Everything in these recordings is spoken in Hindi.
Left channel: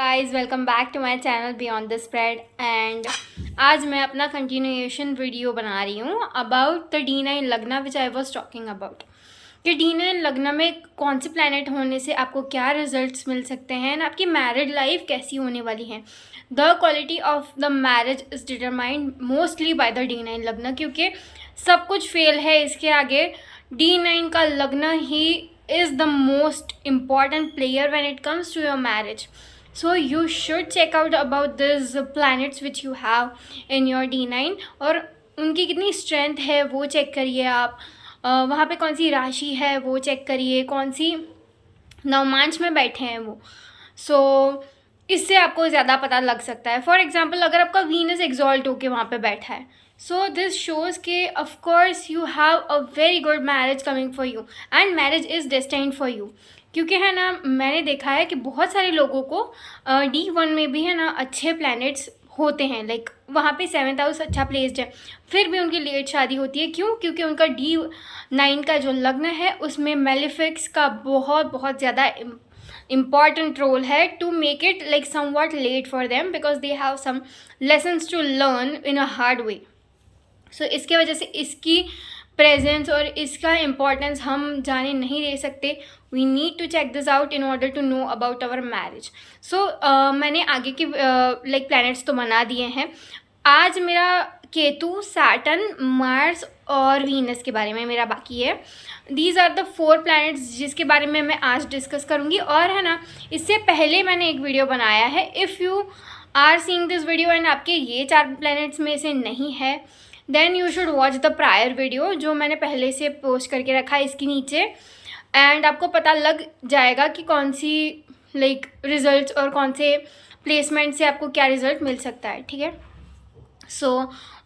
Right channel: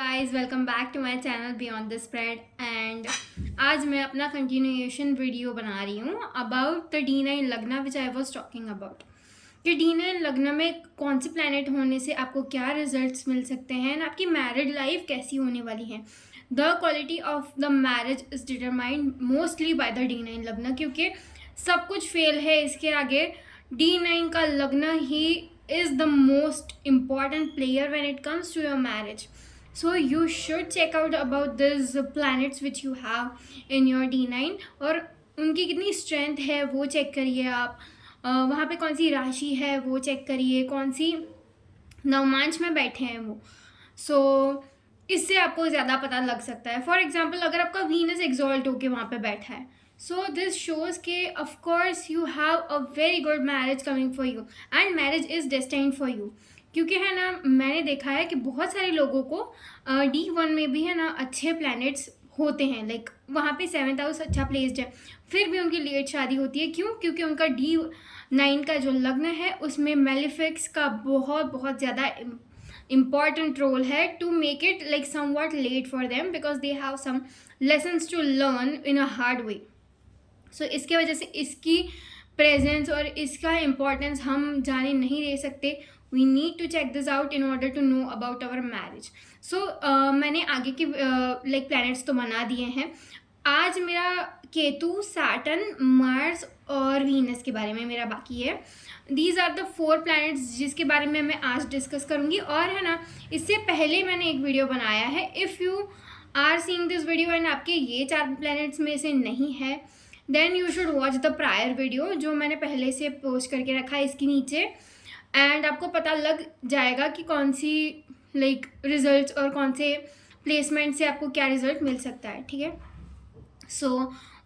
Guys welcome back to my channel beyond the spread and आज मैं अपना कंटिन्यूएशन वीडियो बना रही हूँ अबाउट द D9 लग्ना विच आई वाज टॉकिंग अबाउट कि D9 लग्ना में कौन से प्लैनेट होने से आपको क्या रिजल्ट्स मिल सकते हैं एंड आपकी मैरिड लाइफ कैसी होने वाली है। The quality of the marriage is determined mostly by the D9 लग्ना, क्योंकि सब कुछ फेल है इसके आगे। D9 का लग्ना ही is the most important player when it comes to your marriage. So you should check out about these planets which you have in your D9 और उनकी कितनी स्ट्रेंथ है वो चेक करिए आप। वहाँ पे कौन सी राशि है वो चेक करिए, कौन सी नवमांश में बैठे हैं वो। इससे आपको ज़्यादा पता लग सकता है। फॉर एग्जाम्पल अगर आपका वीनस एक्सॉल्ट होके वहाँ पे बैठा है, सो दिस शोज़ के of course you have a very good marriage coming for you and marriage is destined for you. क्योंकि है ना, मैंने देखा है कि बहुत सारे लोगों को D1 में भी है ना अच्छे प्लैनेट्स होते हैं, लाइक वहाँ पे 7th हाउस अच्छा प्लेस्ड है, फिर भी उनकी लेट शादी होती है। क्यों? क्योंकि उनका D9 का जो लग्न है उसमें मेलिफिक्स का बहुत ज़्यादा इम्पॉर्टेंट रोल है to make it like somewhat late for them, because they have some lessons to learn in a hard way. So इसके वजह से इसकी प्रेजेंस और इसका इम्पोर्टेंस हम जाने नहीं दे सकते। We need to check this out in order to know about our marriage. मैंने आगे की लाइक प्लैनेट्स तो बना दिए हैं। आज मेरा केतु, सैटर्न, मार्स और वीनस के बारे में मेरा बाकी है। दीज आर द 4 प्लैनेट्स जिसके बारे में मैं आज डिस्कस करूँगी। और है ना, इससे पहले मैंने एक वीडियो बनाया है। If you are seeing this video and आपके ये 4 प्लैनेट्स में से नहीं है, then you should watch the prior video जो मैंने पहले से पोस्ट करके रखा है इसके नीचे, एंड आपको पता लग जाएगा कि कौन सी लाइक रिजल्ट्स और कौन से प्लेसमेंट से आपको क्या रिजल्ट मिल सकता है। ठीक है, सो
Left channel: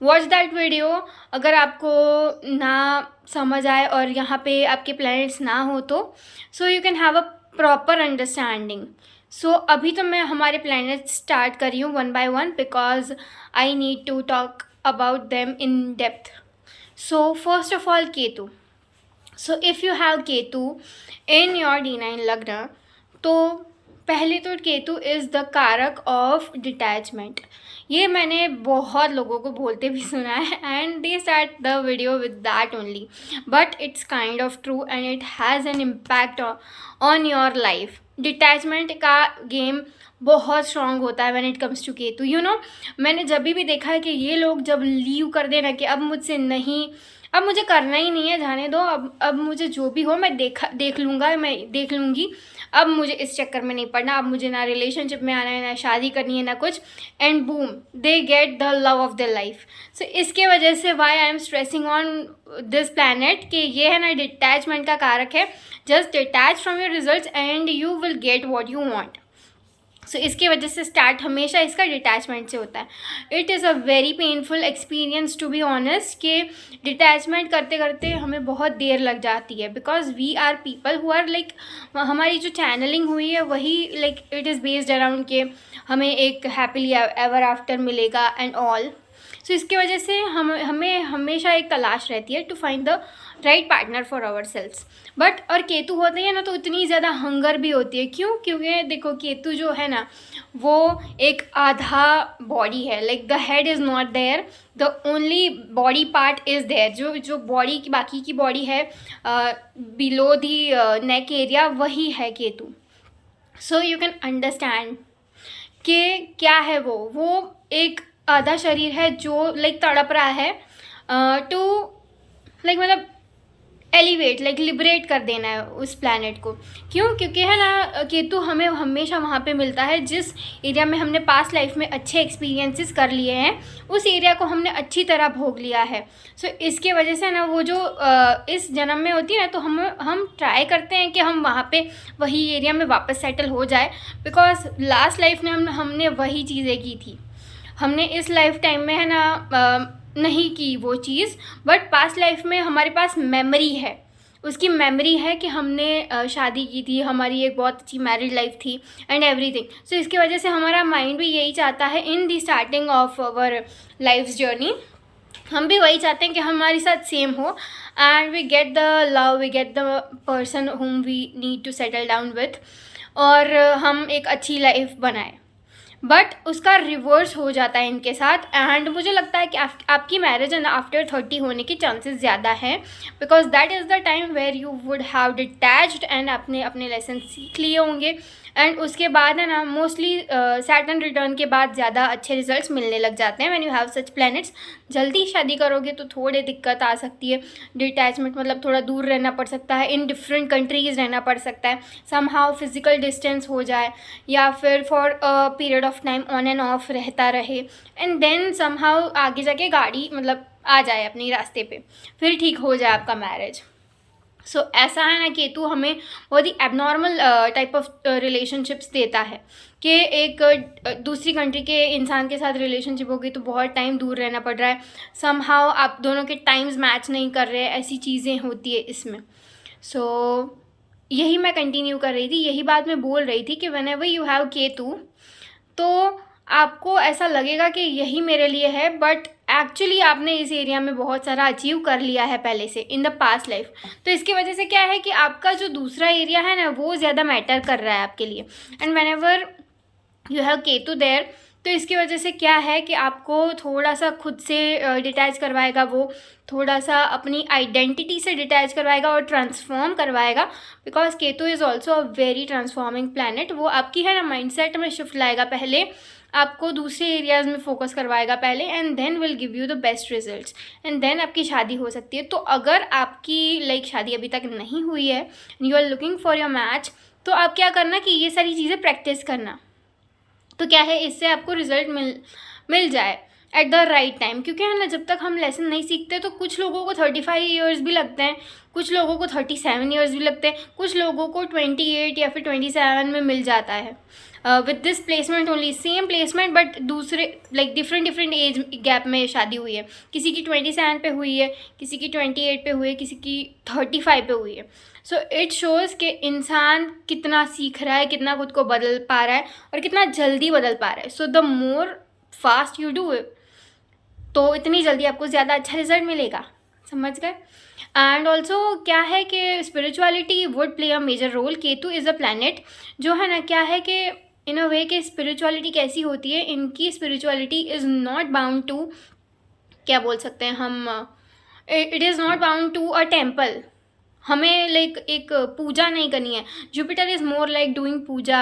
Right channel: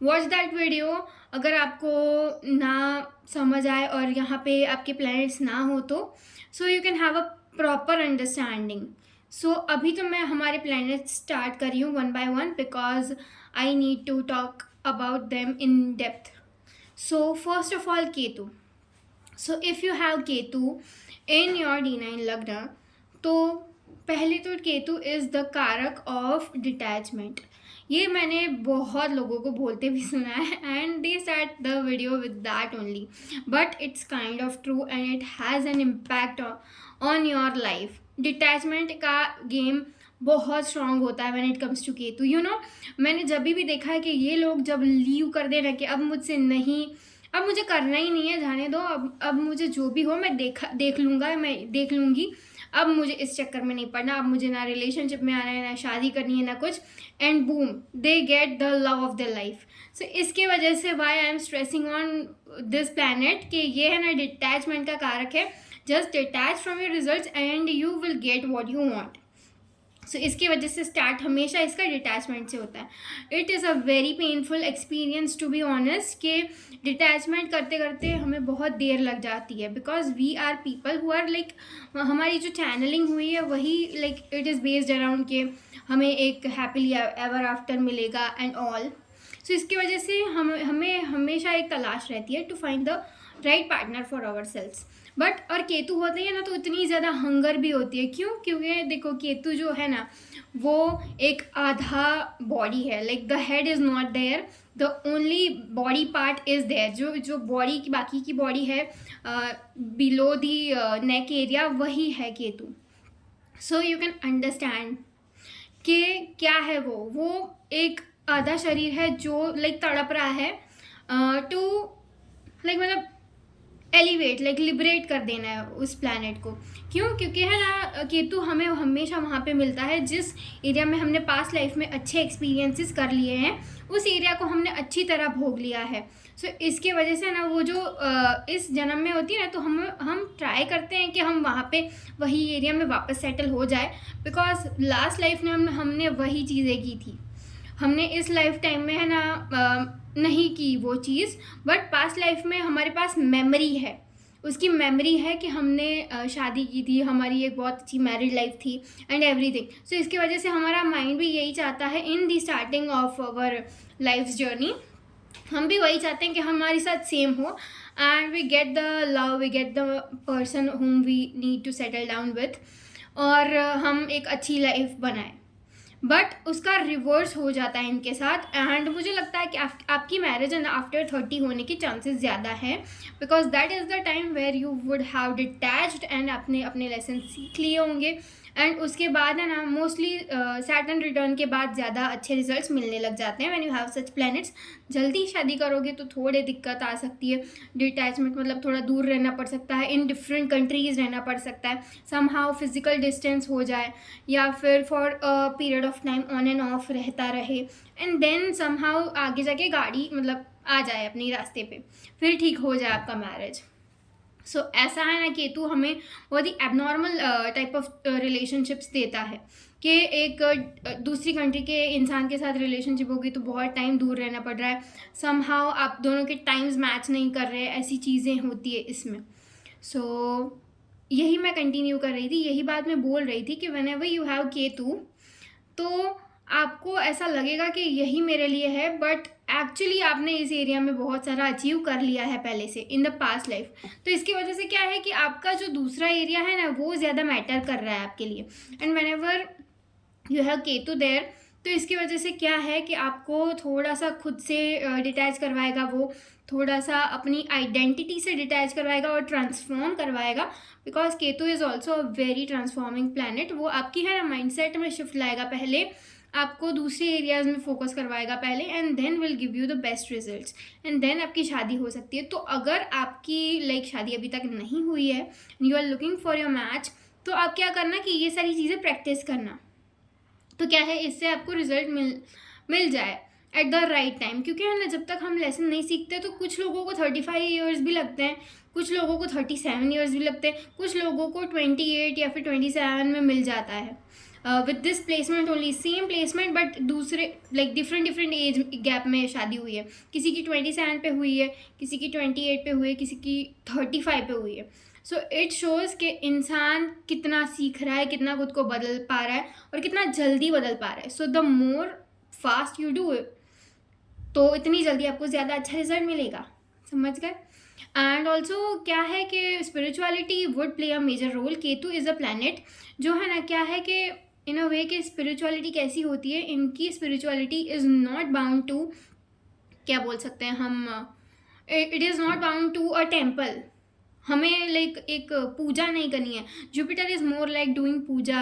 वॉच दैट वीडियो। अगर आपको ना समझ आए और यहाँ पे आपके प्लैनेट्स ना हो तो so you can have a proper understanding. अभी तो मैं हमारे प्लैनेट्स स्टार्ट कर रही हूँ one by one, because I need to talk about them in depth. So first of all, Ketu. So if you have Ketu in your D9 लग्न, तो पहले तो केतु इज़ द कारक ऑफ डिटैचमेंट। ये मैंने बहुत लोगों को बोलते भी सुना है and they start the video with that only, but it's kind of true and it has an impact on your life. Detachment का गेम बहुत स्ट्रॉन्ग होता है when it comes to Ketu. You know, मैंने जब भी देखा है कि ये लोग जब लीव कर देना कि अब मुझसे नहीं, अब मुझे करना ही नहीं है, जाने दो, अब मुझे जो भी हो मैं देख लूँगा, मैं देख लूँगी, अब मुझे इस चक्कर में नहीं पड़ना, अब मुझे ना रिलेशनशिप में आना है, ना शादी करनी है, ना कुछ, and boom they get the love of the life. So इसके वजह से why I am stressing on this planet कि ये है ना डिटैचमेंट का कारक है। Just detach from your results and you will get what you want. इसकी वजह से स्टार्ट हमेशा इसका डिटैचमेंट से होता है। It is a very painful experience to be honest कि डिटैचमेंट करते करते हमें बहुत देर लग जाती है, because we are people who are like, हमारी जो चैनलिंग हुई है वही like it is based around के हमें एक हैप्पीली एवर आफ्टर मिलेगा एंड ऑल। इसकी वजह से हमें हमेशा एक तलाश रहती है to find the right partner for our selves. But और केतु होते हैं ना तो इतनी ज़्यादा हंगर भी होती है। क्यों? क्योंकि देखो केतु जो है ना वो एक आधा बॉडी है, like the head is not there, the only body part is there. जो बॉडी की बाकी की बॉडी है बिलो दी नेक एरिया, वही है केतु। सो यू कैन अंडरस्टैंड कि क्या है वो एक आधा शरीर है जो लाइक तड़प रहा है टू लाइक मतलब एलिवेट, लाइक लिबरेट कर देना है उस प्लैनेट को। क्यों? क्योंकि है ना केतु हमें हमेशा वहाँ पे मिलता है जिस एरिया में हमने पास्ट लाइफ में अच्छे एक्सपीरियंसेस कर लिए हैं, उस एरिया को हमने अच्छी तरह भोग लिया है। इसके वजह से ना वो जो इस जन्म में होती है ना, तो हम ट्राई करते हैं कि हम वहाँ पे वही एरिया में वापस सेटल हो जाए, बिकॉज लास्ट लाइफ में हमने वही चीज़ें की थी। हमने इस लाइफ टाइम में है ना नहीं की वो चीज़, बट पास्ट लाइफ में हमारे पास मेमोरी है, उसकी मेमोरी है कि हमने शादी की थी, हमारी एक बहुत अच्छी मैरिड लाइफ थी एंड एवरीथिंग। इसकी वजह से हमारा माइंड भी यही चाहता है in the starting of our life journey, हम भी वही चाहते हैं कि हमारे साथ सेम हो and we get the love, we get the person whom we need to settle down with, और हम एक अच्छी लाइफ बनाएं। बट उसका रिवर्स हो जाता है इनके साथ। एंड मुझे लगता है कि आपकी मैरिज एंड आफ्टर 30 होने की चांसेस ज़्यादा है, because that is the time where you would have detached and अपने अपने लेसन सीख लिए होंगे। एंड उसके बाद है ना, मोस्टली सैटर्न रिटर्न के बाद ज़्यादा अच्छे रिजल्ट्स मिलने लग जाते हैं when you have such planets. जल्दी शादी करोगे तो थोड़ी दिक्कत आ सकती है, डिटैचमेंट मतलब थोड़ा दूर रहना पड़ सकता है, इन डिफरेंट कंट्रीज़ रहना पड़ सकता है, समहाउ फिजिकल डिस्टेंस हो जाए, या फिर for a period of time on end of रहता रहे, एंड देन समहाउ आगे जाके गाड़ी मतलब आ जाए अपनी रास्ते पे, फिर ठीक हो जाए आपका मैरिज। सो ऐसा है ना, केतु हमें बहुत ही एबनॉर्मल टाइप ऑफ रिलेशनशिप्स देता है कि एक दूसरी कंट्री के इंसान के साथ रिलेशनशिप होगी तो बहुत टाइम दूर रहना पड़ रहा है, समहाउ आप दोनों के टाइम्स मैच नहीं कर रहे, ऐसी चीज़ें होती है इसमें। सो यही मैं कंटिन्यू कर रही थी, यही बात मैं बोल रही थी कि व्हेनेवर यू हैव केतु तो आपको ऐसा लगेगा कि यही मेरे लिए है, बट एक्चुअली आपने इस एरिया में बहुत सारा अचीव कर लिया है पहले से इन द पास्ट लाइफ। तो इसकी वजह से क्या है कि आपका जो दूसरा एरिया है ना वो ज़्यादा मैटर कर रहा है आपके लिए। And whenever you have Ketu there, तो इसकी वजह से क्या है कि आपको थोड़ा सा खुद से डिटैच करवाएगा, वो थोड़ा सा अपनी आइडेंटिटी से डिटैच करवाएगा और ट्रांसफॉर्म करवाएगा, because Ketu is also a very transforming planet. वो आपकी है ना माइंडसेट में शिफ्ट लाएगा, पहले आपको दूसरे एरियाज़ में फोकस करवाएगा पहले, and then will give you the best results, and then आपकी शादी हो सकती है। तो अगर आपकी शादी अभी तक नहीं हुई है, you are looking for your match, तो आप क्या करना कि ये सारी चीज़ें प्रैक्टिस करना, तो क्या है इससे आपको रिजल्ट मिल जाए एट द राइट टाइम। क्योंकि है ना, जब तक हम लेसन नहीं सीखते तो कुछ लोगों को 35 ईयर्स भी लगते हैं, कुछ लोगों को 37 ईयर्स भी लगते हैं, कुछ लोगों को 28 या फिर 27 में मिल जाता है with this placement only, same placement but दूसरे डिफरेंट एज गैप में शादी हुई है। किसी की 27 पे हुई है, किसी की 28 पे हुई है, किसी की 35 पे हुई है। सो इट शोज़ कि इंसान कितना सीख रहा है, कितना खुद को बदल पा रहा है और कितना जल्दी बदल पा रहा है। So the more fast you do it, तो इतनी जल्दी आपको ज़्यादा अच्छा रिजल्ट मिलेगा, समझ गए। एंड ऑल्सो क्या है कि spirituality would play a major role. Ketu is a planet जो है ना, क्या है कि इन अ वे कि स्पिरिचुअलिटी कैसी होती है, इनकी spirituality is not bound to, क्या बोल सकते हैं हम, it is not bound to a temple. हमें एक पूजा नहीं करनी है। Jupiter is more like doing puja,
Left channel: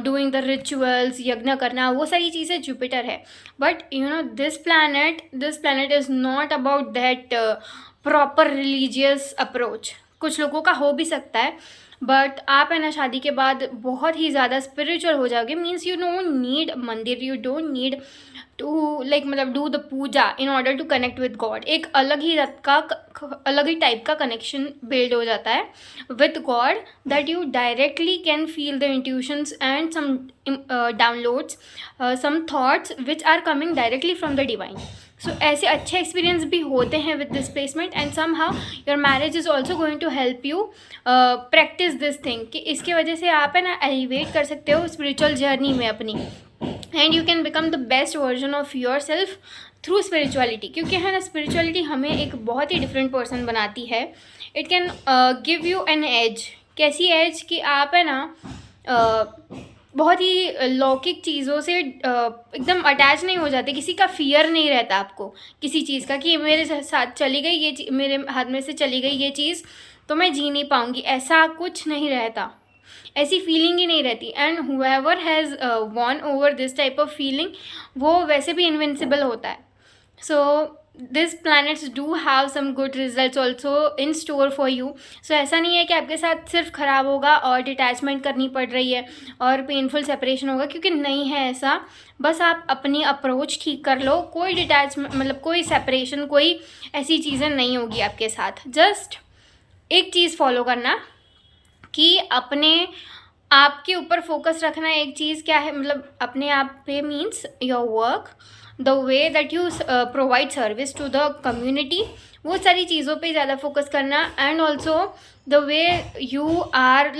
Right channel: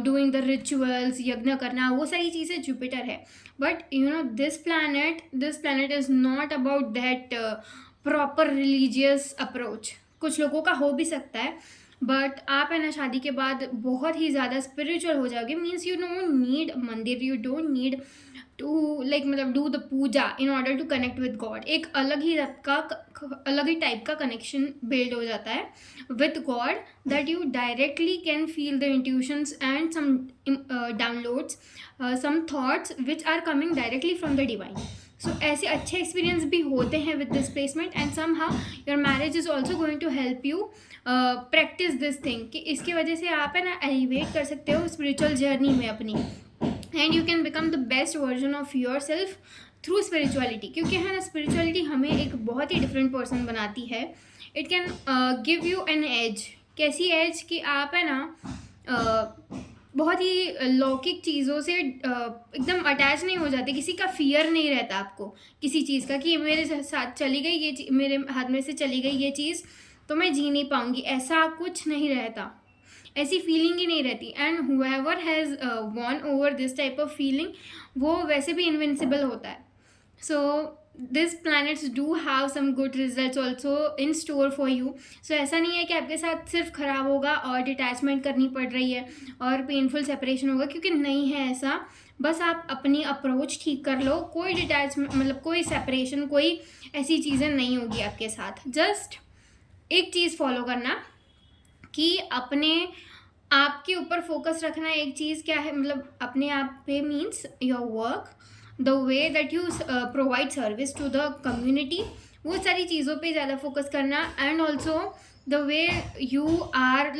doing the rituals, यज्ञ करना, वो सारी चीज़ें जुपिटर है। But you know this planet is not about that proper religious approach. कुछ लोगों का हो भी सकता है, बट आप है ना शादी के बाद बहुत ही ज़्यादा स्पिरिचुअल हो जाओगे। मीन्स यू डोंट नीड मंदिर, यू डोंट नीड टू मतलब do the puja in order to connect with God. एक अलग ही टाइप का कनेक्शन बिल्ड हो जाता है with God, that you directly can feel the intuitions and some downloads, some thoughts which are coming directly from the divine. So ऐसे अच्छे एक्सपीरियंस भी होते हैं with this placement, and somehow your marriage is also going to help you practice this thing, कि इसकी वजह से आप है ना एलिवेट कर सकते हो स्पिरिचुअल जर्नी में अपनी, and you can become the best version of your self through spirituality. क्योंकि है ना, स्पिरिचुअलिटी हमें एक बहुत ही डिफरेंट पर्सन बनाती है। It can give you an edge. कैसी एज कि आप है ना बहुत ही लौकिक चीज़ों से एकदम अटैच नहीं हो जाते, किसी का फियर नहीं रहता आपको किसी चीज़ का कि मेरे साथ चली गई ये मेरे हाथ में से चली गई ये चीज़ तो मैं जी नहीं पाऊँगी, ऐसा कुछ नहीं रहता, ऐसी फीलिंग ही नहीं रहती। And whoever has won over this type of feeling, वो वैसे भी इनविंसिबल होता है। So this planets do have some good results also in store for you. So ऐसा नहीं है कि आपके साथ सिर्फ ख़राब होगा और डिटैचमेंट करनी पड़ रही है और पेनफुल सेपरेशन होगा, क्योंकि नहीं है ऐसा। बस आप अपनी अप्रोच ठीक कर लो, कोई डिटैचमेंट कोई सेपरेशन, कोई ऐसी चीज़ें नहीं होगी आपके साथ। जस्ट एक चीज़ फॉलो करना कि अपने आप के ऊपर फोकस रखना। एक चीज़ क्या है, अपने आप पे means your work, the way that you provide service to the community, वो सारी चीज़ों पे ज़्यादा फोकस करना। And also the way you are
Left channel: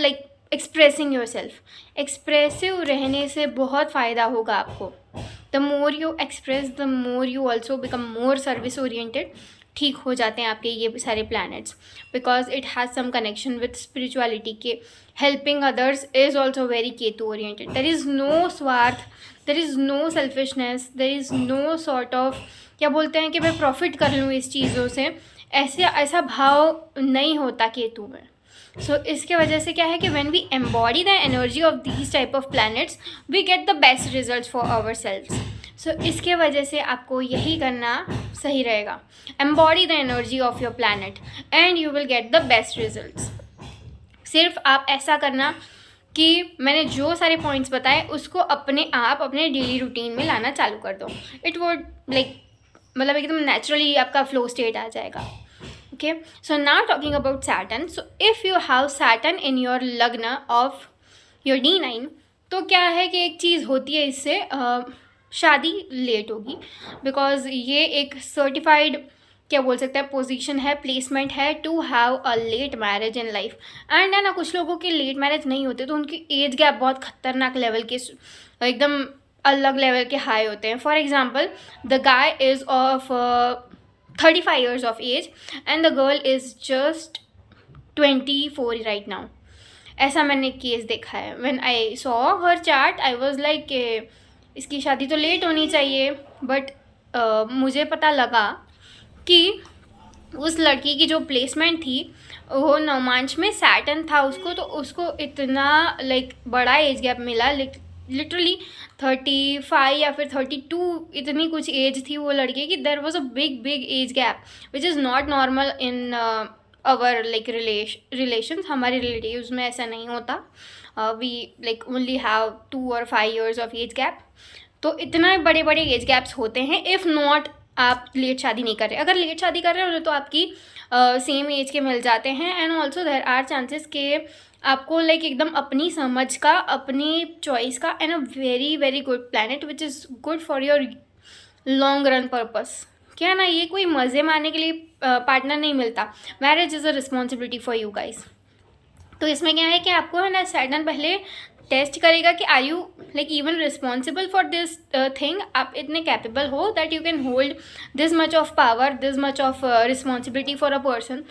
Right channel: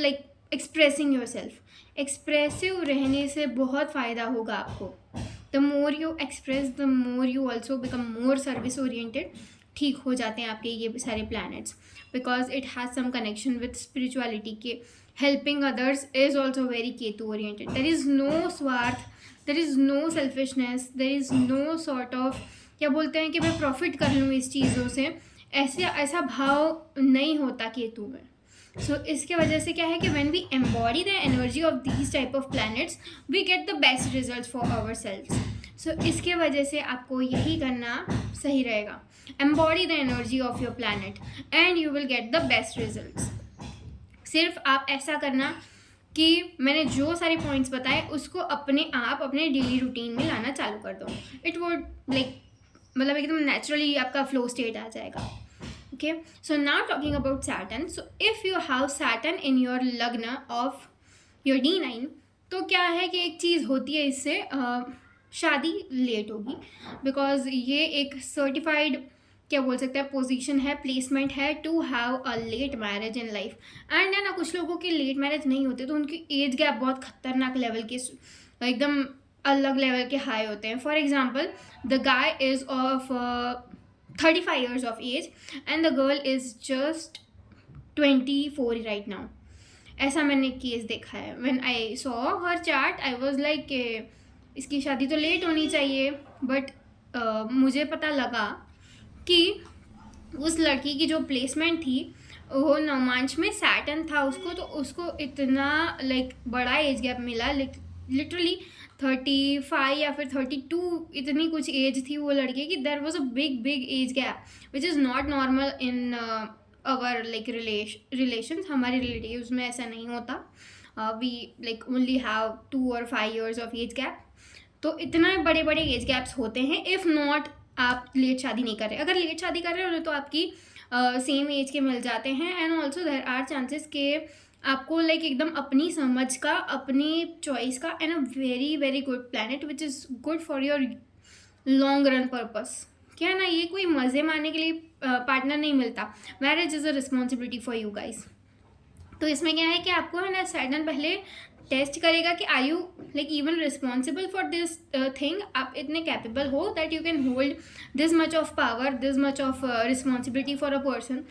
expressing yourself. Expressive रहने से बहुत फ़ायदा होगा आपको। The more you express, the more you also become more service oriented. ठीक हो जाते हैं आपके ये सारे planets, because it has some connection with spirituality के helping others is also very Ketu oriented. There is no स्वार्थ, there is no selfishness, there is no sort of क्या बोलते हैं कि मैं प्रॉफिट कर लूँ इस चीज़ों से, ऐसा भाव नहीं होता केतु में. सो इसके वजह से क्या है कि when we embody the energy of these type of planets we get the best results for आवर सेल्व्स. सो इसके वजह से आपको यही करना सही रहेगा. Embody the energy of your planet and you will get the best results. सिर्फ आप ऐसा करना कि मैंने जो सारे पॉइंट्स बताए उसको अपने आप अपने डेली रूटीन में लाना चालू कर दो. इट वुड लाइक मतलब एकदम नेचुरली आपका फ्लो स्टेट आ जाएगा. Okay, so now talking about Saturn. So if you have Saturn in your लग्न of your D9, तो क्या है कि एक चीज़ होती है इससे शादी लेट होगी, बिकॉज ये एक सर्टिफाइड क्या बोल सकते हैं पोजीशन है, प्लेसमेंट है to have a late marriage in life. And है ना, कुछ लोगों के लेट मैरिज नहीं होते तो उनकी एज गैप बहुत खतरनाक लेवल के, एकदम अलग लेवल के हाई होते हैं. For example, the guy is of 35 years of age and the girl is just 24 right now. ऐसा मैंने केस देखा है. When I saw her chart I was like इसकी शादी तो लेट होनी चाहिए, बट मुझे पता लगा कि उस लड़की की जो प्लेसमेंट थी वो नवमांश में सैटर्न था उसको, तो उसको इतना लाइक बड़ा एज गैप मिला, लिटरली 35 या फिर 32 इतनी कुछ एज थी वो लड़के की. There was a big age gap which is not normal in our like relations. हमारे रिलेटिव्स में ऐसा नहीं होता. We like only have 2 or 5 years of age gap. तो इतना बड़े एज गैप्स होते हैं. इफ़ नॉट आप लेट शादी नहीं कर रहे, अगर लेट शादी कर रहे हो तो आपकी सेम एज के मिल जाते हैं. And also there are chances के आपको लाइक एकदम अपनी समझ का, अपनी चॉइस का, and a very good planet which is good for your long run purpose. क्या ना, ये कोई मज़े मारने के लिए पार्टनर नहीं मिलता. Marriage is a responsibility for you guys. तो इसमें क्या है कि आपको है ना सैटर्न पहले टेस्ट करेगा कि are you like even responsible for this thing. आप इतने कैपेबल हो that you can hold this much of power, this much of responsibility for a person.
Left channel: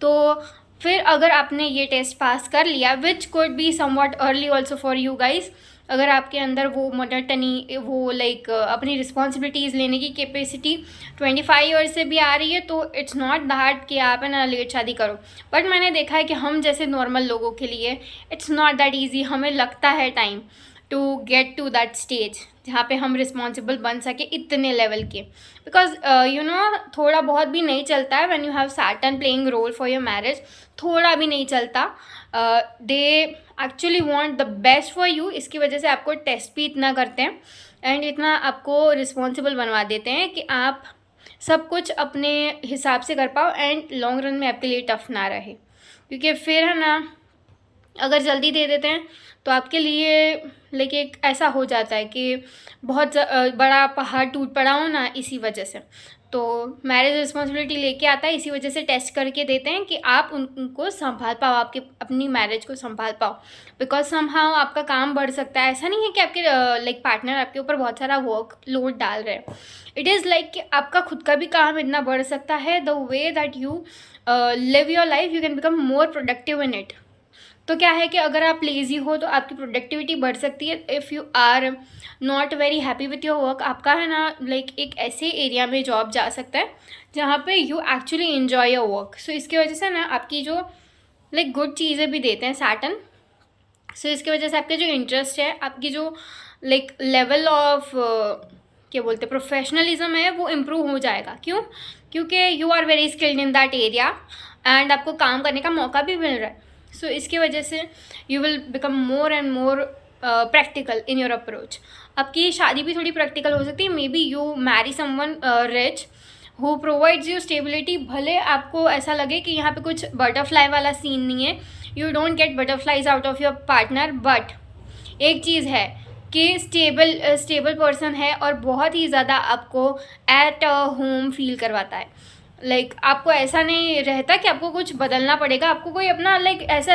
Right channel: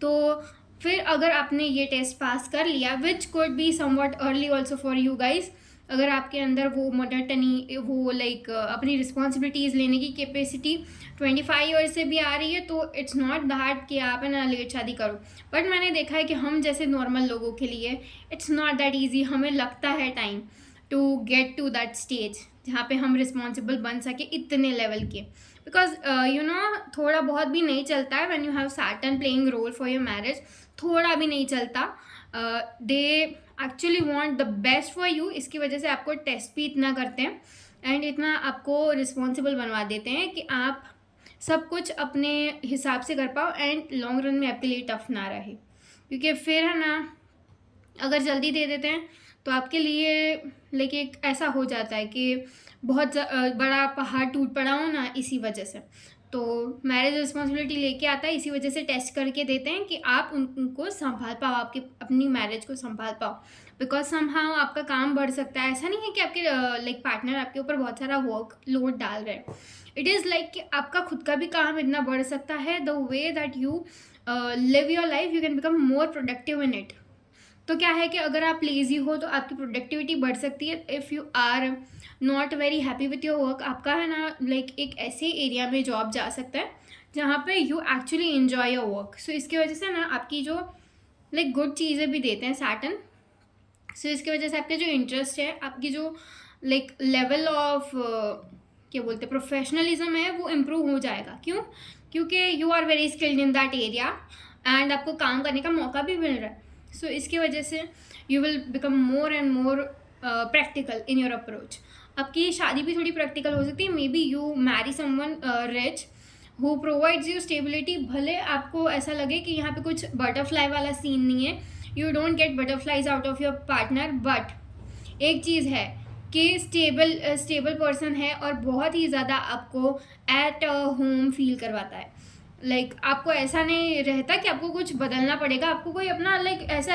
तो फिर अगर आपने ये टेस्ट पास कर लिया, which could be somewhat early also for you guys, अगर आपके अंदर वो मोनोटनी, वो लाइक अपनी रिस्पॉन्सिबिलिटीज़ लेने की कैपेसिटी 25 ईयर्स से भी आ रही है, तो इट्स नॉट दैट कि आप है ना लेट शादी करो. बट मैंने देखा है कि हम जैसे नॉर्मल लोगों के लिए इट्स नॉट दैट ईजी. हमें लगता है time to get to that stage जहाँ पे हम रिस्पॉन्सिबल बन सके इतने लेवल के. बिकॉज यू नो थोड़ा बहुत भी नहीं चलता है when you have Saturn playing role for your marriage. थोड़ा भी नहीं चलता. They actually want the best for you. इसकी वजह से आपको टेस्ट भी इतना करते हैं एंड इतना आपको रिस्पॉन्सिबल बनवा देते हैं कि आप सब कुछ अपने हिसाब से कर पाओ एंड लॉन्ग रन में आपके लिए टफ ना रहे. क्योंकि फिर है ना, अगर जल्दी दे देते हैं तो आपके लिए लाइक एक ऐसा हो जाता है कि बहुत बड़ा पहाड़ टूट पड़ा हो ना, इसी वजह से. तो मैरिज रिस्पॉन्सिबिलिटी लेके आता है, इसी वजह से टेस्ट करके देते हैं कि आप उनको संभाल पाओ, आपके अपनी मैरिज को संभाल पाओ. बिकॉज समहाउ आपका काम बढ़ सकता है. ऐसा नहीं है कि आपके लाइक पार्टनर आपके ऊपर बहुत सारा वर्क लोड डाल रहे हैं. इट इज़ लाइक कि आपका खुद का भी काम इतना बढ़ सकता है. The way that you live your life you can become more productive in it. तो क्या है कि अगर आप लेज़ी हो तो आपकी प्रोडक्टिविटी बढ़ सकती है. If you are not very happy with your work, आपका है ना लाइक एक ऐसे एरिया में जॉब जा सकता है जहाँ पे you actually enjoy your work. So इसकी वजह से ना आपकी जो लाइक गुड चीज़ें भी देते हैं सैटर्न. सो इसकी वजह से आपके जो इंटरेस्ट है, आपकी जो लाइक लेवल ऑफ क्या बोलते हैं प्रोफेशनलिज्म है, वो इम्प्रूव हो जाएगा. क्यों? क्योंकि you are very skilled in that area and आपको काम करने का मौका भी मिल रहा है. सो इसकी वजह से you will become more and more practical in your approach. आपकी शादी भी थोड़ी प्रैक्टिकल हो सकती है. May be you Mary someone rich who provides you stability. भले आपको ऐसा लगे कि यहाँ पे कुछ बटरफ्लाई वाला सीन नहीं है, you don't get butterflies out of your partner, but एक चीज़ है कि स्टेबल पर्सन है और बहुत ही ज़्यादा आपको एट होम फील करवाता है. लाइक आपको ऐसा नहीं रहता कि आपको कुछ बदलना पड़ेगा. आपको कोई अपना लाइक ऐसा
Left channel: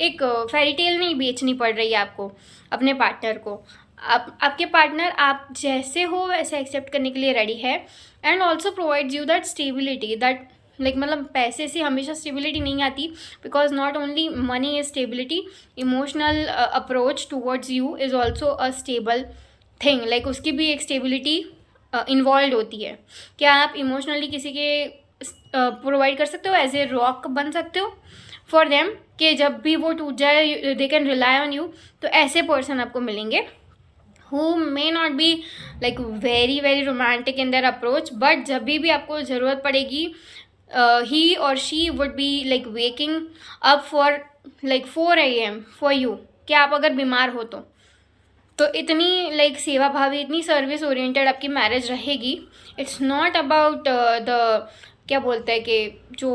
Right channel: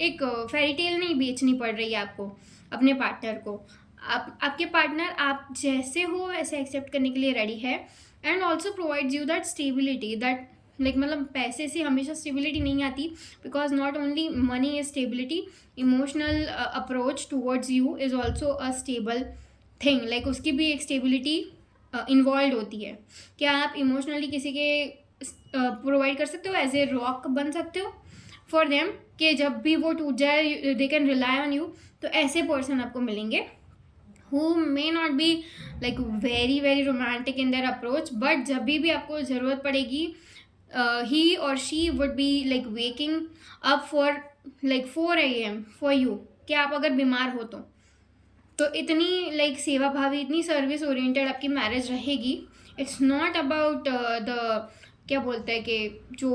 एक फेरी टेल नहीं बेचनी पड़ रही है आपको अपने पार्टनर को. आपके पार्टनर आप जैसे हो वैसे एक्सेप्ट करने के लिए रेडी है, and also provides you that stability that like मतलब पैसे से हमेशा स्टेबिलिटी नहीं आती, because not only money is stability, emotional approach towards you is also a stable thing, like उसकी भी एक स्टेबिलिटी इन्वॉल्व होती है। क्या आप इमोशनली किसी के प्रोवाइड कर सकते हो, एज ए रॉक बन सकते हो फॉर देम, कि जब भी वो टूट जाए they can rely on you. तो ऐसे पर्सन आपको मिलेंगे who may not be like very very romantic in their approach, but जब भी आपको ज़रूरत पड़ेगी he or she would be like waking up for like 4 AM for you, कि आप अगर बीमार हो तो इतनी लाइक सेवा भावी, इतनी सर्विस ओरिएंटेड आपकी मैरिज रहेगी। इट्स नॉट अबाउट द क्या बोलते हैं कि जो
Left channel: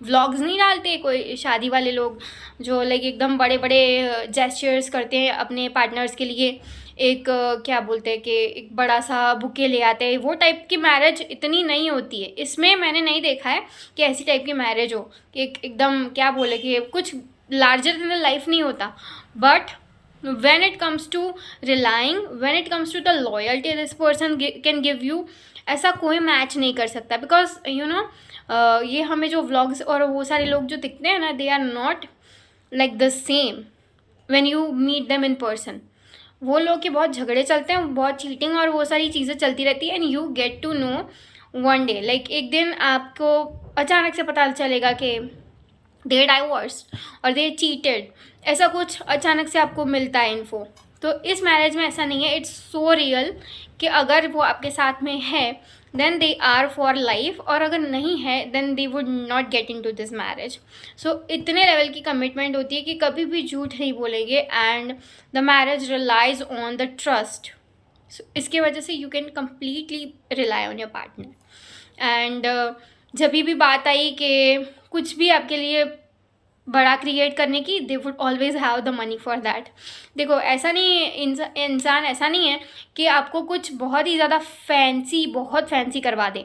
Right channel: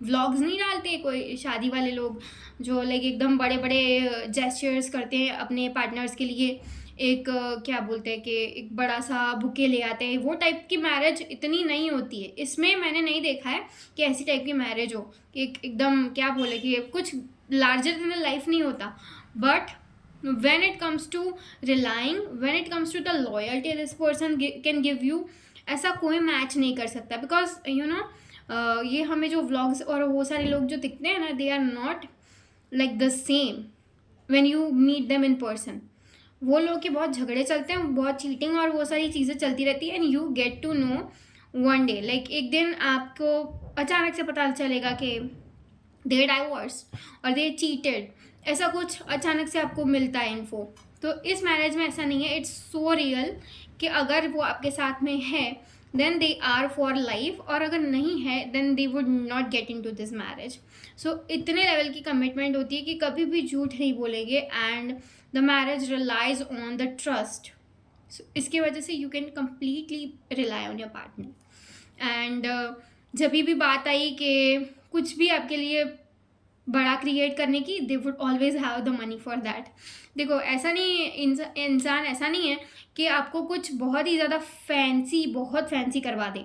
व्लॉग्स नहीं डालते कोई शादी वाले लोग, जो लाइक एकदम बड़े बड़े जेस्चर्स करते हैं अपने पार्टनर्स के लिए, एक क्या बोलते हैं कि एक बड़ा सा बुके ले आते हैं, वो टाइप की मैरिज इतनी नहीं होती है। इसमें मैंने नहीं देखा है कि ऐसी टाइप की मैरिज हो कि एकदम क्या बोले कि कुछ लार्जर देन द लाइफ नहीं होता। But when it comes to relying, when it comes to the loyalty this person can give you, ऐसा कोई मैच नहीं कर सकता, बिकॉज यू नो ये हमें जो व्लॉग्स और वो सारे लोग जो दिखते हैं ना, they are not like the same when you meet them in person. वो लोग के बहुत झगड़े चलते हैं, बहुत चीटिंग और वो सारी चीज़ें चलती रहती है, and you get to know one day, like एक दिन आपको अचानक से पता चलेगा कि दे डाइवोर्स्ड और दे चीटेड, ऐसा कुछ अचानक से आपको मिलता है इन्फो। तो इस मैरिज में ऐसा नहीं है, इट्स सो रियल कि अगर वो आपके साथ में है then they are for life, और अगर नहीं है then they would not get into this marriage. So इतने लेवल की कमिटमेंट होती है कि कभी भी झूठ नहीं बोलेंगे, and the marriage relies on the trust. इसके वजह से you can completely rely on your partner. And जब भी बात आई कि कुछ भी आपके लिए बड़ा क्रिएट करने की, they would always have the money for that. देखो ऐसा नहीं, इंसान ऐसा नहीं है कि आपको कुछ बहुत ही ज़्यादा बहुत फैंसी करवा दें,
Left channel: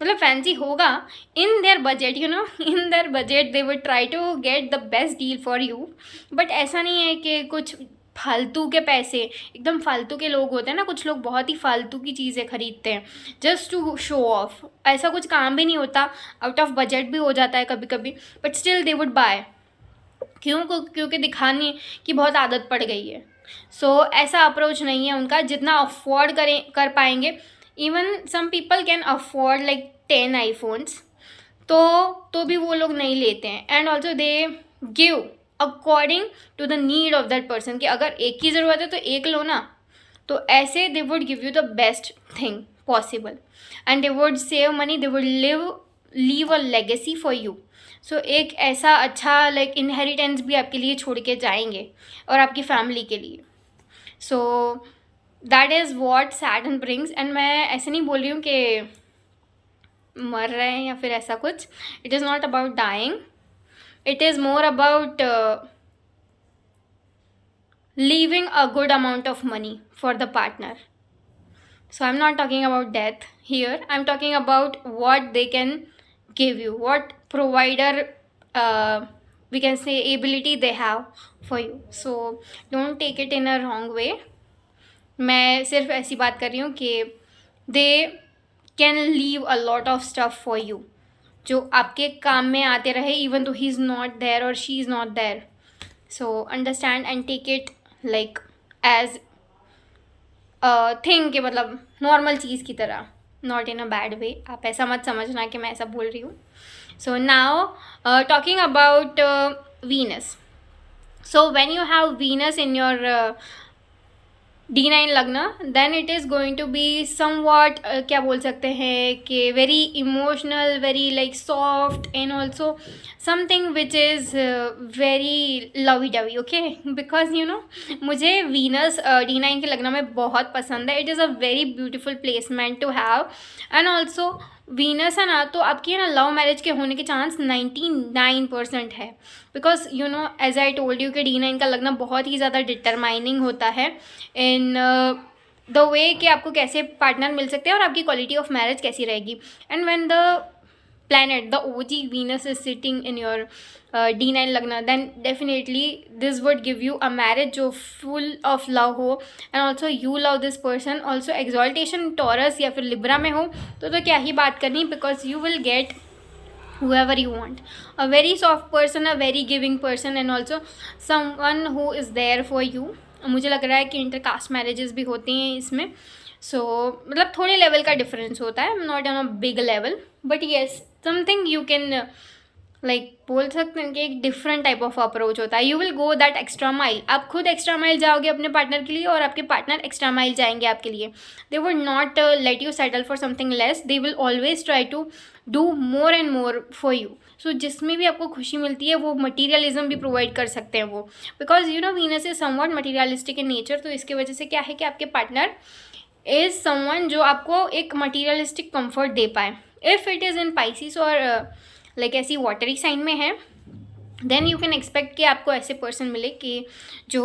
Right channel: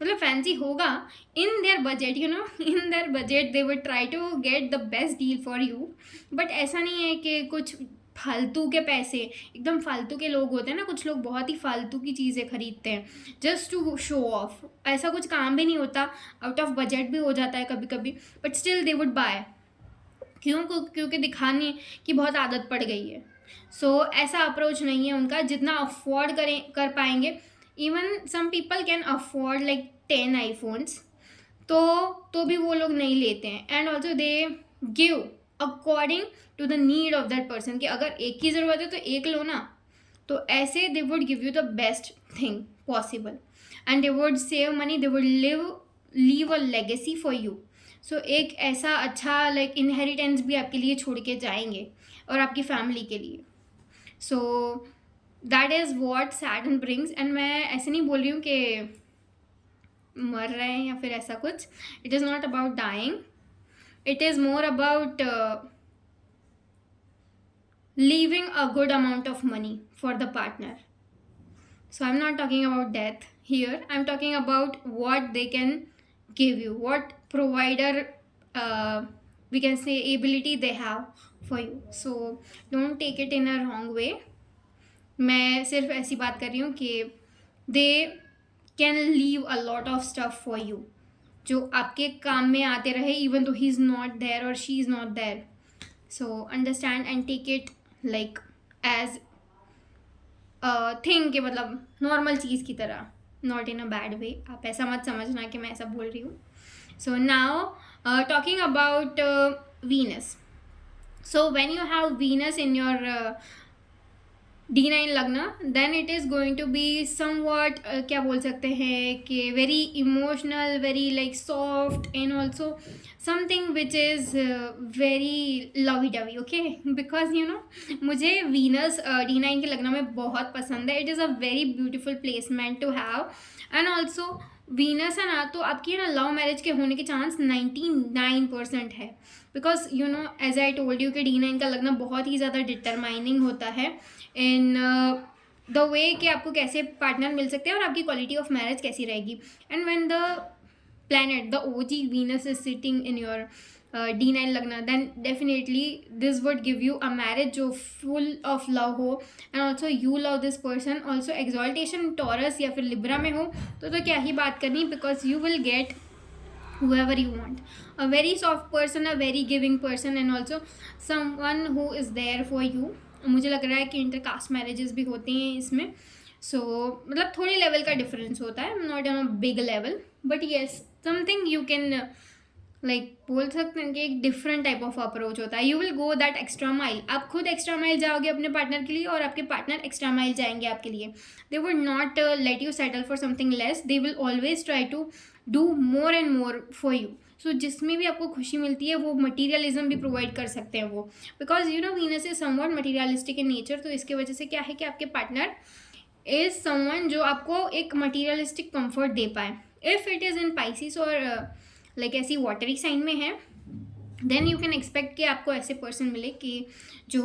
मतलब फैंसी होगा in their budget, you know, in their budget they would try to get the best deal for you. But ऐसा नहीं है कि कुछ फालतू के पैसे, एकदम फालतू के लोग होते हैं ना, कुछ लोग बहुत ही फालतू की चीज़ें खरीदते हैं जस्ट टू शो ऑफ। ऐसा कुछ काम भी नहीं होता, आउट ऑफ बजट भी हो जाता है कभी कभी, but still they would buy. क्योंकि दिखाने की बहुत आदत पड़ गई है। सो ऐसा अप्रोच नहीं है उनका, जितना अफोर्ड कर पाएंगे। Even some people can afford like 10 iPhones, तो भी वो लोग नहीं लेते हैं। And also they give according to the need of that person, कि अगर एक की ज़रूरत है तो एक लो ना। तो ऐसे they would give you the best thing possible, and they would save money, they would leave a legacy for you. So एक ऐसा अच्छा लाइक इनहेरिटेंस भी आपके लिए छोड़ के जाएंगे और आपकी फैमिली के लिए। सो that is what Saturn brings. And मैं ऐसे नहीं बोल रही हूँ कि मर रहे हैं या फिर ऐसा कुछ। It is not about dying, it is more about leaving a good amount of money for the partner. So I'm not talking about death here, I'm talking about what they can give you, what provider we can say ability they have for you. So don't take it in a wrong way. मैं सिर्फ ऐसी बात कर रही हूँ कि they can leave a lot of stuff for you, जो आपके काम में आते रहे even though he is not there or she is not there. So understand and take it like age thing, के मतलब नॉर्मल चीज़ की तरह, not in a bad way. आप ऐसा मत समझना कि मैं ऐसा बोल रही हूँ। So now talking about Venus. So when you have Venus in your D9 lagna, then it is going to be somewhat क्या बोल सकते हैं कि very emotional, very like soft, and also something which is very lovey dovey, okay. Because you know मुझे वीनस D9 के लग्न में बहुत पसंद है। It is a very beautiful placement to have. And also Venus है ना, तो आपकी ना लव मैरिज के होने के चांस 99% है। Because you know as I told you कि D9 का लग्न बहुत ही ज़्यादा डिटरमाइनिंग होता है इन द वे कि आपको कैसे पार्टनर मिल सकते हैं और आपकी क्वालिटी ऑफ मैरिज कैसी रहेगी। And when the planet, the OG Venus is sitting in your D9 lagna, then definitely this would give you a marriage जो फुल ऑफ लव हो and also you love this person. Also exaltation Taurus या फिर लिब्रा में हो तो क्या ही बात करनी, because you will gate whoever you want, a very soft person, a very giving person and also someone who is there for you. मुझे लग रहा है कि इंटरकास्ट मैरिजेस भी होती हैं इसमें, मतलब थोड़े लेवल का डिफरेंस होता है, not on a big level, but yes something you can बोल सकते हैं कि एक डिफरेंट टाइप ऑफ अप्रोच होता है. You will go that extra mile. आप खुद एक्स्ट्रा माइल जाओगे अपने पार्टनर के लिए और आपके पार्टनर एक्स्ट्रा माइल जाएंगे आपके लिए. They would not let you settle for something less. They will always try to do more and more for you. So जिसमें भी आपको खुशी मिलती है वो मटीरियलिज्म भी प्रोवाइड कर सकते हैं वो, because Venus is somewhat materialistic in nature. तो इसके वजह से क्या है कि आपके पार्टनर इज समवन जो आपको एक मटीरियलिस्टिक कंफर्ट दे पाए. If it is in Pisces और ऐसी वाटरी साइन में है, देन यू कैन एक्सपेक्ट कि आपको ऐसे पर्सन मिले कि जो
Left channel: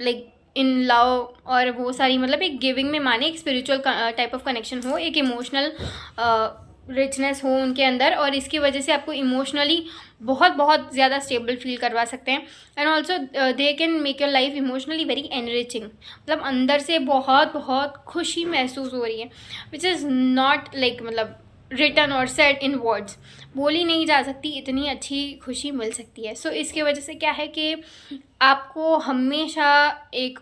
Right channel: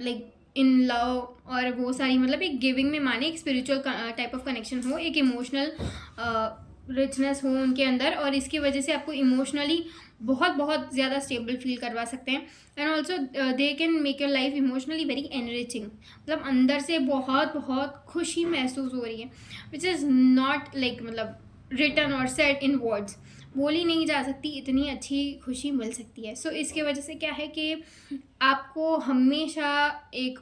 इन लव और वो सारी एक गिविंग में माने, एक स्पिरिचुअल टाइप ऑफ कनेक्शन हो, एक इमोशनल रिचनेस हो उनके अंदर, और इसकी वजह से आपको इमोशनली बहुत ज़्यादा स्टेबल फील करवा सकते हैं. And also they can make your life emotionally very enriching. अंदर से बहुत खुशी महसूस हो रही है, विच इज़ नॉट रिटन और सेड इन वर्ड्स. बोली नहीं जा सकती, इतनी अच्छी खुशी मिल सकती है. सो इसके वजह से क्या है कि आपको हमेशा एक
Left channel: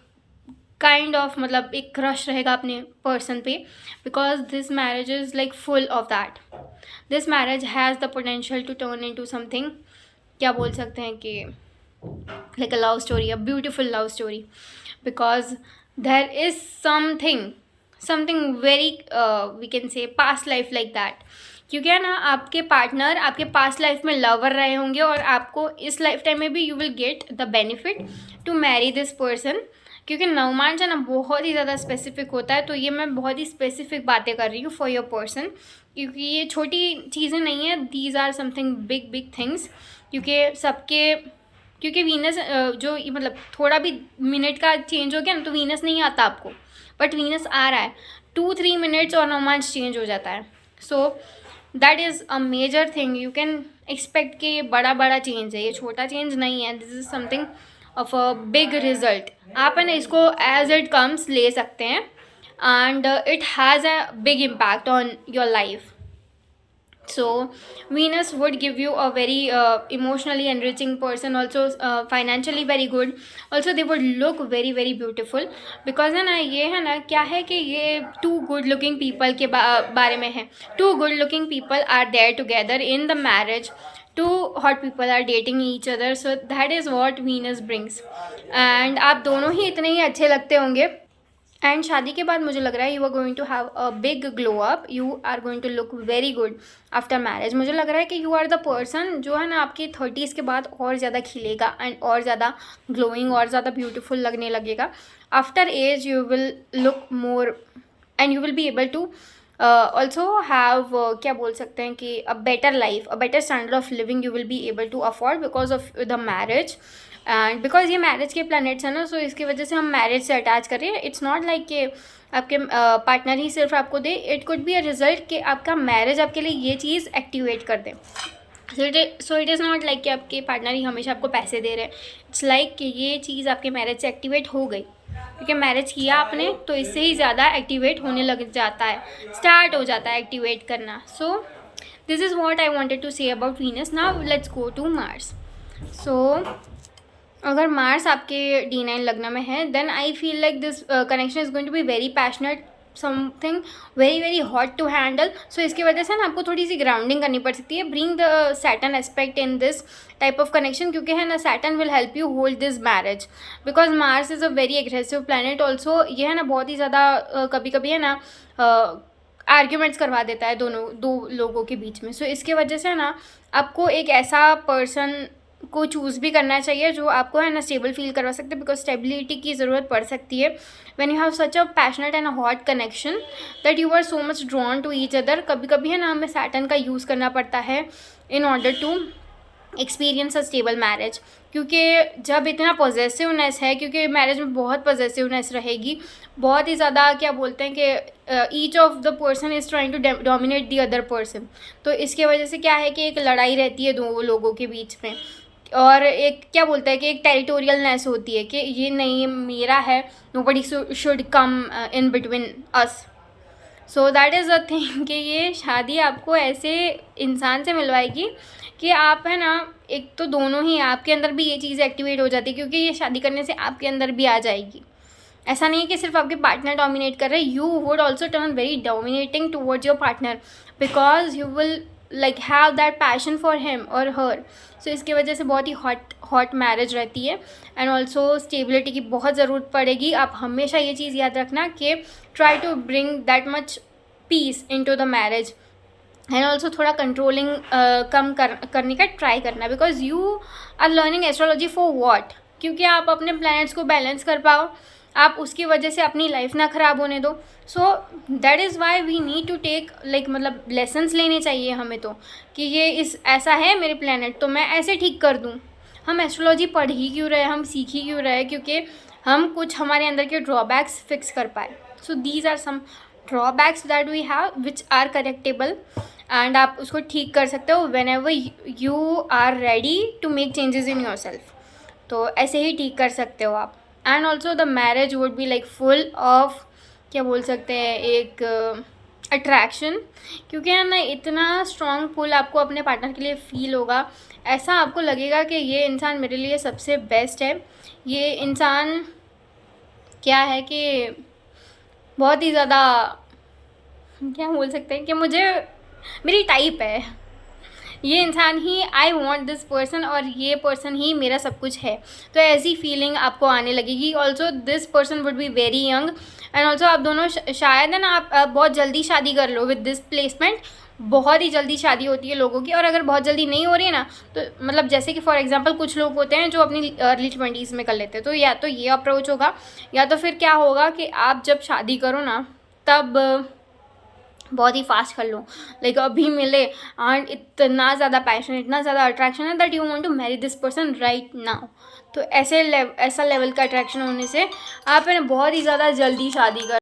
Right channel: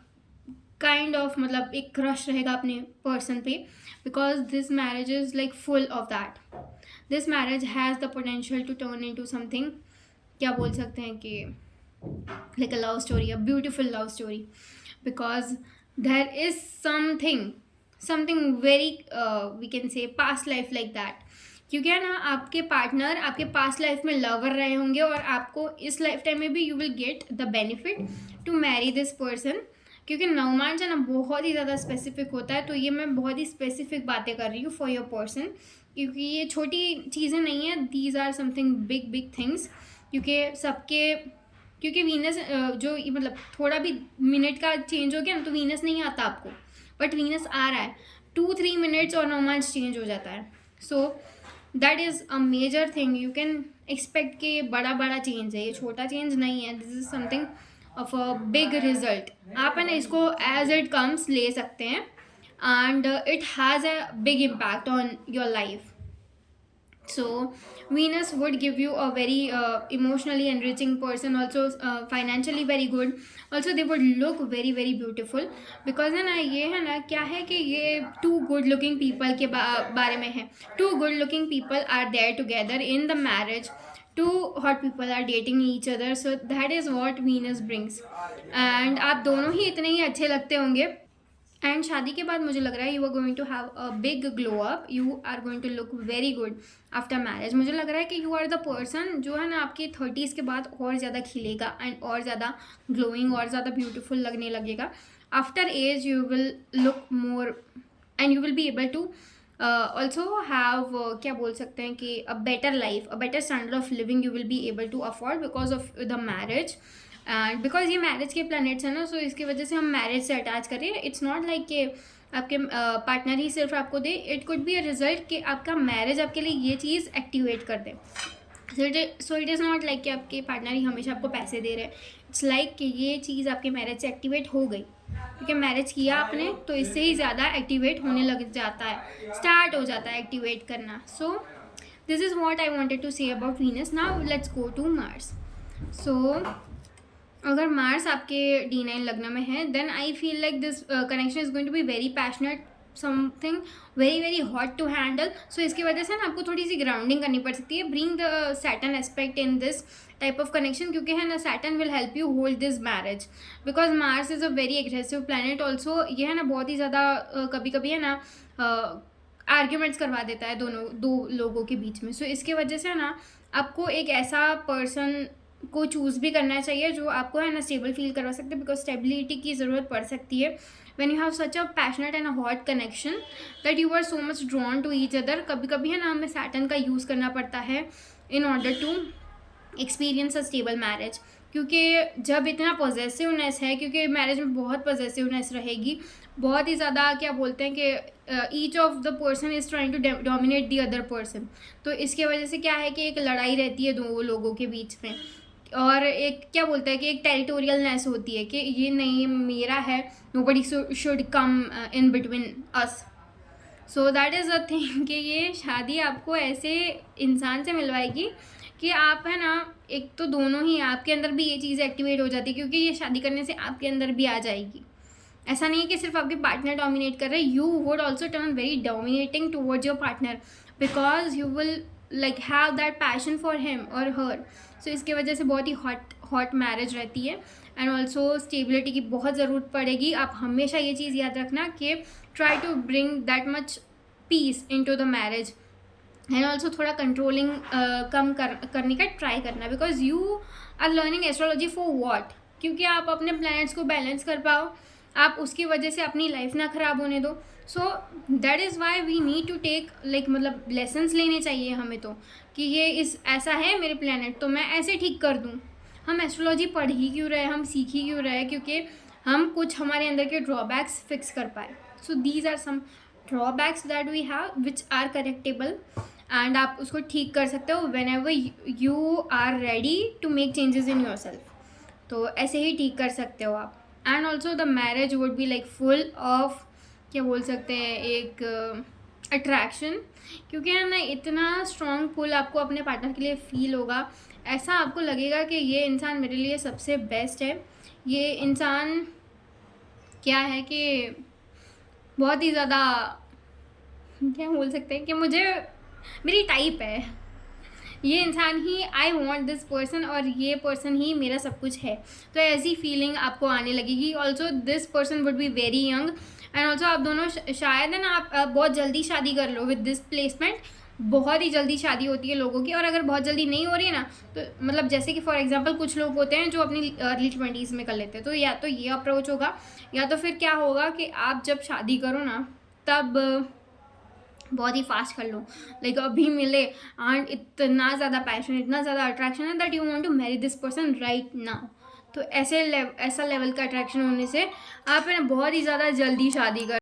काइंड ऑफ एक क्रश रहेगा अपने पर्सन पे, because this marriage is full of that. This marriage has the potential to turn into something, क्या बोल सकते हैं कि a love story, a beautiful love story, because there is something very we can say past life like that. क्योंकि है ना, आपके पार्टनर आपके पास्ट लाइफ में लवर रहे होंगे और आपको इस लाइफ टाइम में भी you will get the benefit to marry this person. क्योंकि नवमांश है ना बहुत ही ज़्यादा स्पेसिफिक होता है, तो ये मैं बहुत ही स्पेसिफिक बातें कर रही हूँ फॉर योर पर्सन, क्योंकि ये छोटी चीज़ें नहीं है. These are something big things. क्योंकि वीनस जो थोड़ा भी मिनट का चेंज हो गया ना तो वीनस नहीं आता आपको, बट वीनस आ रहा है. 2-3 मिनट्स और नवमांश चेंज हो जाता है. So that is a major thing. You can expect कि ये बड़ा चेंज है, ये छोटा चेंज नहीं है. This is something of a big result. आप है ना इसको एज इट कम्स ले सकते हैं, and it has a big impact on your life. So Venus would give you a very emotionally enriching person, also financially very good. Also they would look very beautiful, because है ना ये है ना क्या है कि ये 2 good looking people के बारे में है. 2 good looking people are there together in the marriage. 2 hot people are dating each other. So that is what Venus brings. And आप दोनों ही इतने ही अच्छे लगते होंगे. एंड शादी के बाद मुझे लग रहा है you are going to have a big glow up. You are going to look very good after marriage. मुझे लग रहा है कि यू आर द पर्सन जो है ना आपकी 30s के बाद और ज़्यादा खिलेगा एंड और ज़्यादा ग्लोइंग और ज़्यादा ब्यूटीफुल लगने लगेगा. After age you will look more and you will be able to also have क्या बोल सकते हैं कि a better life, a better standard of living you will be able to afford because of the marriage. And because ये मैरिज के प्लैनेट्स हैं ना, सो इसकी वजह से हम मैरिज से अटैच कर रहे हैं. इट्स नॉट लाइक कि आपके पार्टनर ही सिर्फ आपको दे. It could be a result कि आपका मैरिज आपके लिए ये चीज़ एक्टिवेट कर दे. So it is not like कि आपके पार्टनर ही हमेशा आपको पैसे दे रहे हैं. इट्स लाइक कि ये चीज़ आपके मैरिज से एक्टिवेट हो गई, क्योंकि मैरिज किया आपने तो इससे ही ज़्यादा एक्टिवेट होने लग जाता है, स्टार्ट हो जाता है एक्टिवेट करना. So this is what I wanted to say about Venus. Now let's go to Mars. So अगर मार्स आपके D9 लग्न में है, then I feel like this connection is going to be very passionate, something very hot to handle. So इसकी वजह से ना आपको थोड़ी सी ग्राउंडिंग करनी पड़ सकती है. Bring the Saturn aspect in this type of connection, क्योंकि है ना Saturn will help you hold this marriage, because Mars is a very aggressive planet. Also ये है ना बहुत ही ज़्यादा कभी है ना आर्ग्यूमेंट्स करवा देता है दो लोगों के बीच में. सो इसके वजह से ना आपको एक ऐसा पर्सन को चूज़ भी करना चाहिए जो आपको है ना स्टेबल फील करवा सकते हैं, बिकॉज स्टेबिलिटी की ज़रूरत पड़ सकती है when you have such a passionate and a hot connection that you are so much drawn to each other. कभी है ना हमें सैटर्न का यूज़ करना पड़ता है in order to experience a stable marriage, क्योंकि जब इतना पॉजेसिवनेस है, क्योंकि मैरिज में बहुत पॉजेसिवनेस रहेगी, बहुत ही ज़्यादा क्या बोलते हैं कि each of the person is trying to dominate the other person. तो इसके वजह से क्या है कि एक लड़ाई रहती है 2 लोगों के बीच में. और एक क्या बोलता है कि एक टेरिटोरियलनेस होती है कि ये नहीं मेरा है, nobody should come in between us. So that is a thing कि ये शादी आपको ऐसे इंसान से मिलवाएगी कि आप है ना, एक तो दोनों ही आपके अंदर भी ये चीज़ एक्टिवेट हो जाती है, क्योंकि ये शादी करने से आपके अंदर भी आ जाएगी। ऐसा नहीं है कि सिर्फ आपके पार्टनर डोमिनेट कर रहे हैं, you would also turn very dominating towards your partner, because you will like have that passion for him और हर। सो इसकी वजह से बहुत ही हॉट मैरिज रहती है। एंड ऑल्सो स्टेबिलिटी की बहुत ज़रूरत पड़ेगी। आप हमेशा ये चीज़ याद रखना कि try to bring that much peace into the marriage. And also थोड़ा कंट्रोलिंग कम करने का ट्राई करना, because you are learning astrology for what, क्योंकि आप अपने प्लैनेट्स को बैलेंस कर पाओ, आप उसकी वजह से अपनी लाइफ ना ख़राब होने दो। So that is why we need to take like मतलब लेसन्स लेने चाहिए हमें तो, कि ये इस ऐसा है मेरे प्लैनेट तो मैं ऐसे ठीक कर दूँ। हम एस्ट्रोलॉजी पढ़ ही क्यों रहे, हम सीख ही क्यों रहे, क्योंकि हम कुछ हमारे अंदर के ड्रॉबैक्स फिक्स कर पाए। So these are some drawbacks that we have which are correctable, and आप उसको ठीक कर सकते हो whenever you are ready to make changes in yourself. तो ऐसे ही ठीक कर सकते हो आप। And also the marriage would be like full of क्या बोल सकते हैं एक अट्रैक्शन, क्योंकि है ना इतना स्ट्रॉन्ग पुल आपको अपने पार्टनर के लिए फील होगा। ऐसा आपको लगेगा कि ये इंसान मेरे लिए सबसे बेस्ट है, ये इंसान क्या है कि बहुत ही ज़्यादा क्या बोल सकते हैं कि मुझे मेरी टाइप है, ये इंसान ही आई वॉन्ट दिस पर्सन, और ये पर्सन ही मेरा सब कुछ है। तो ऐसी फीलिंग आपको आने लगेगी। Also this person would be very young, and also आप दोनों शायद है ना आप बहुत जल्दी शादी कर लो विद दिस प्लेसमेंट। बहुत ही जल्दी शादी होती है लोगों की, और अगर बहुत जल्दी नहीं हो रही है ना, तो मतलब जैसे कि फॉर एग्जांपल कुछ लोग होते हैं जो अपनी अर्ली 20s में कर लेते हैं, तो या तो ये अप्रोच होगा, या तो फिर क्या होगा कि आप जब शादी करो ना तब बहुत ही फास्ट कर लो, लाइक अभी मिले एंड इतना ज़्यादा पैशन, इतना ज़्यादा अट्रैक्शन है that you want to marry this person right now. तो ऐसा लेवल का अट्रैक्शन होने से आप है ना बहुत ही ज़्यादा जल्दी शादी कर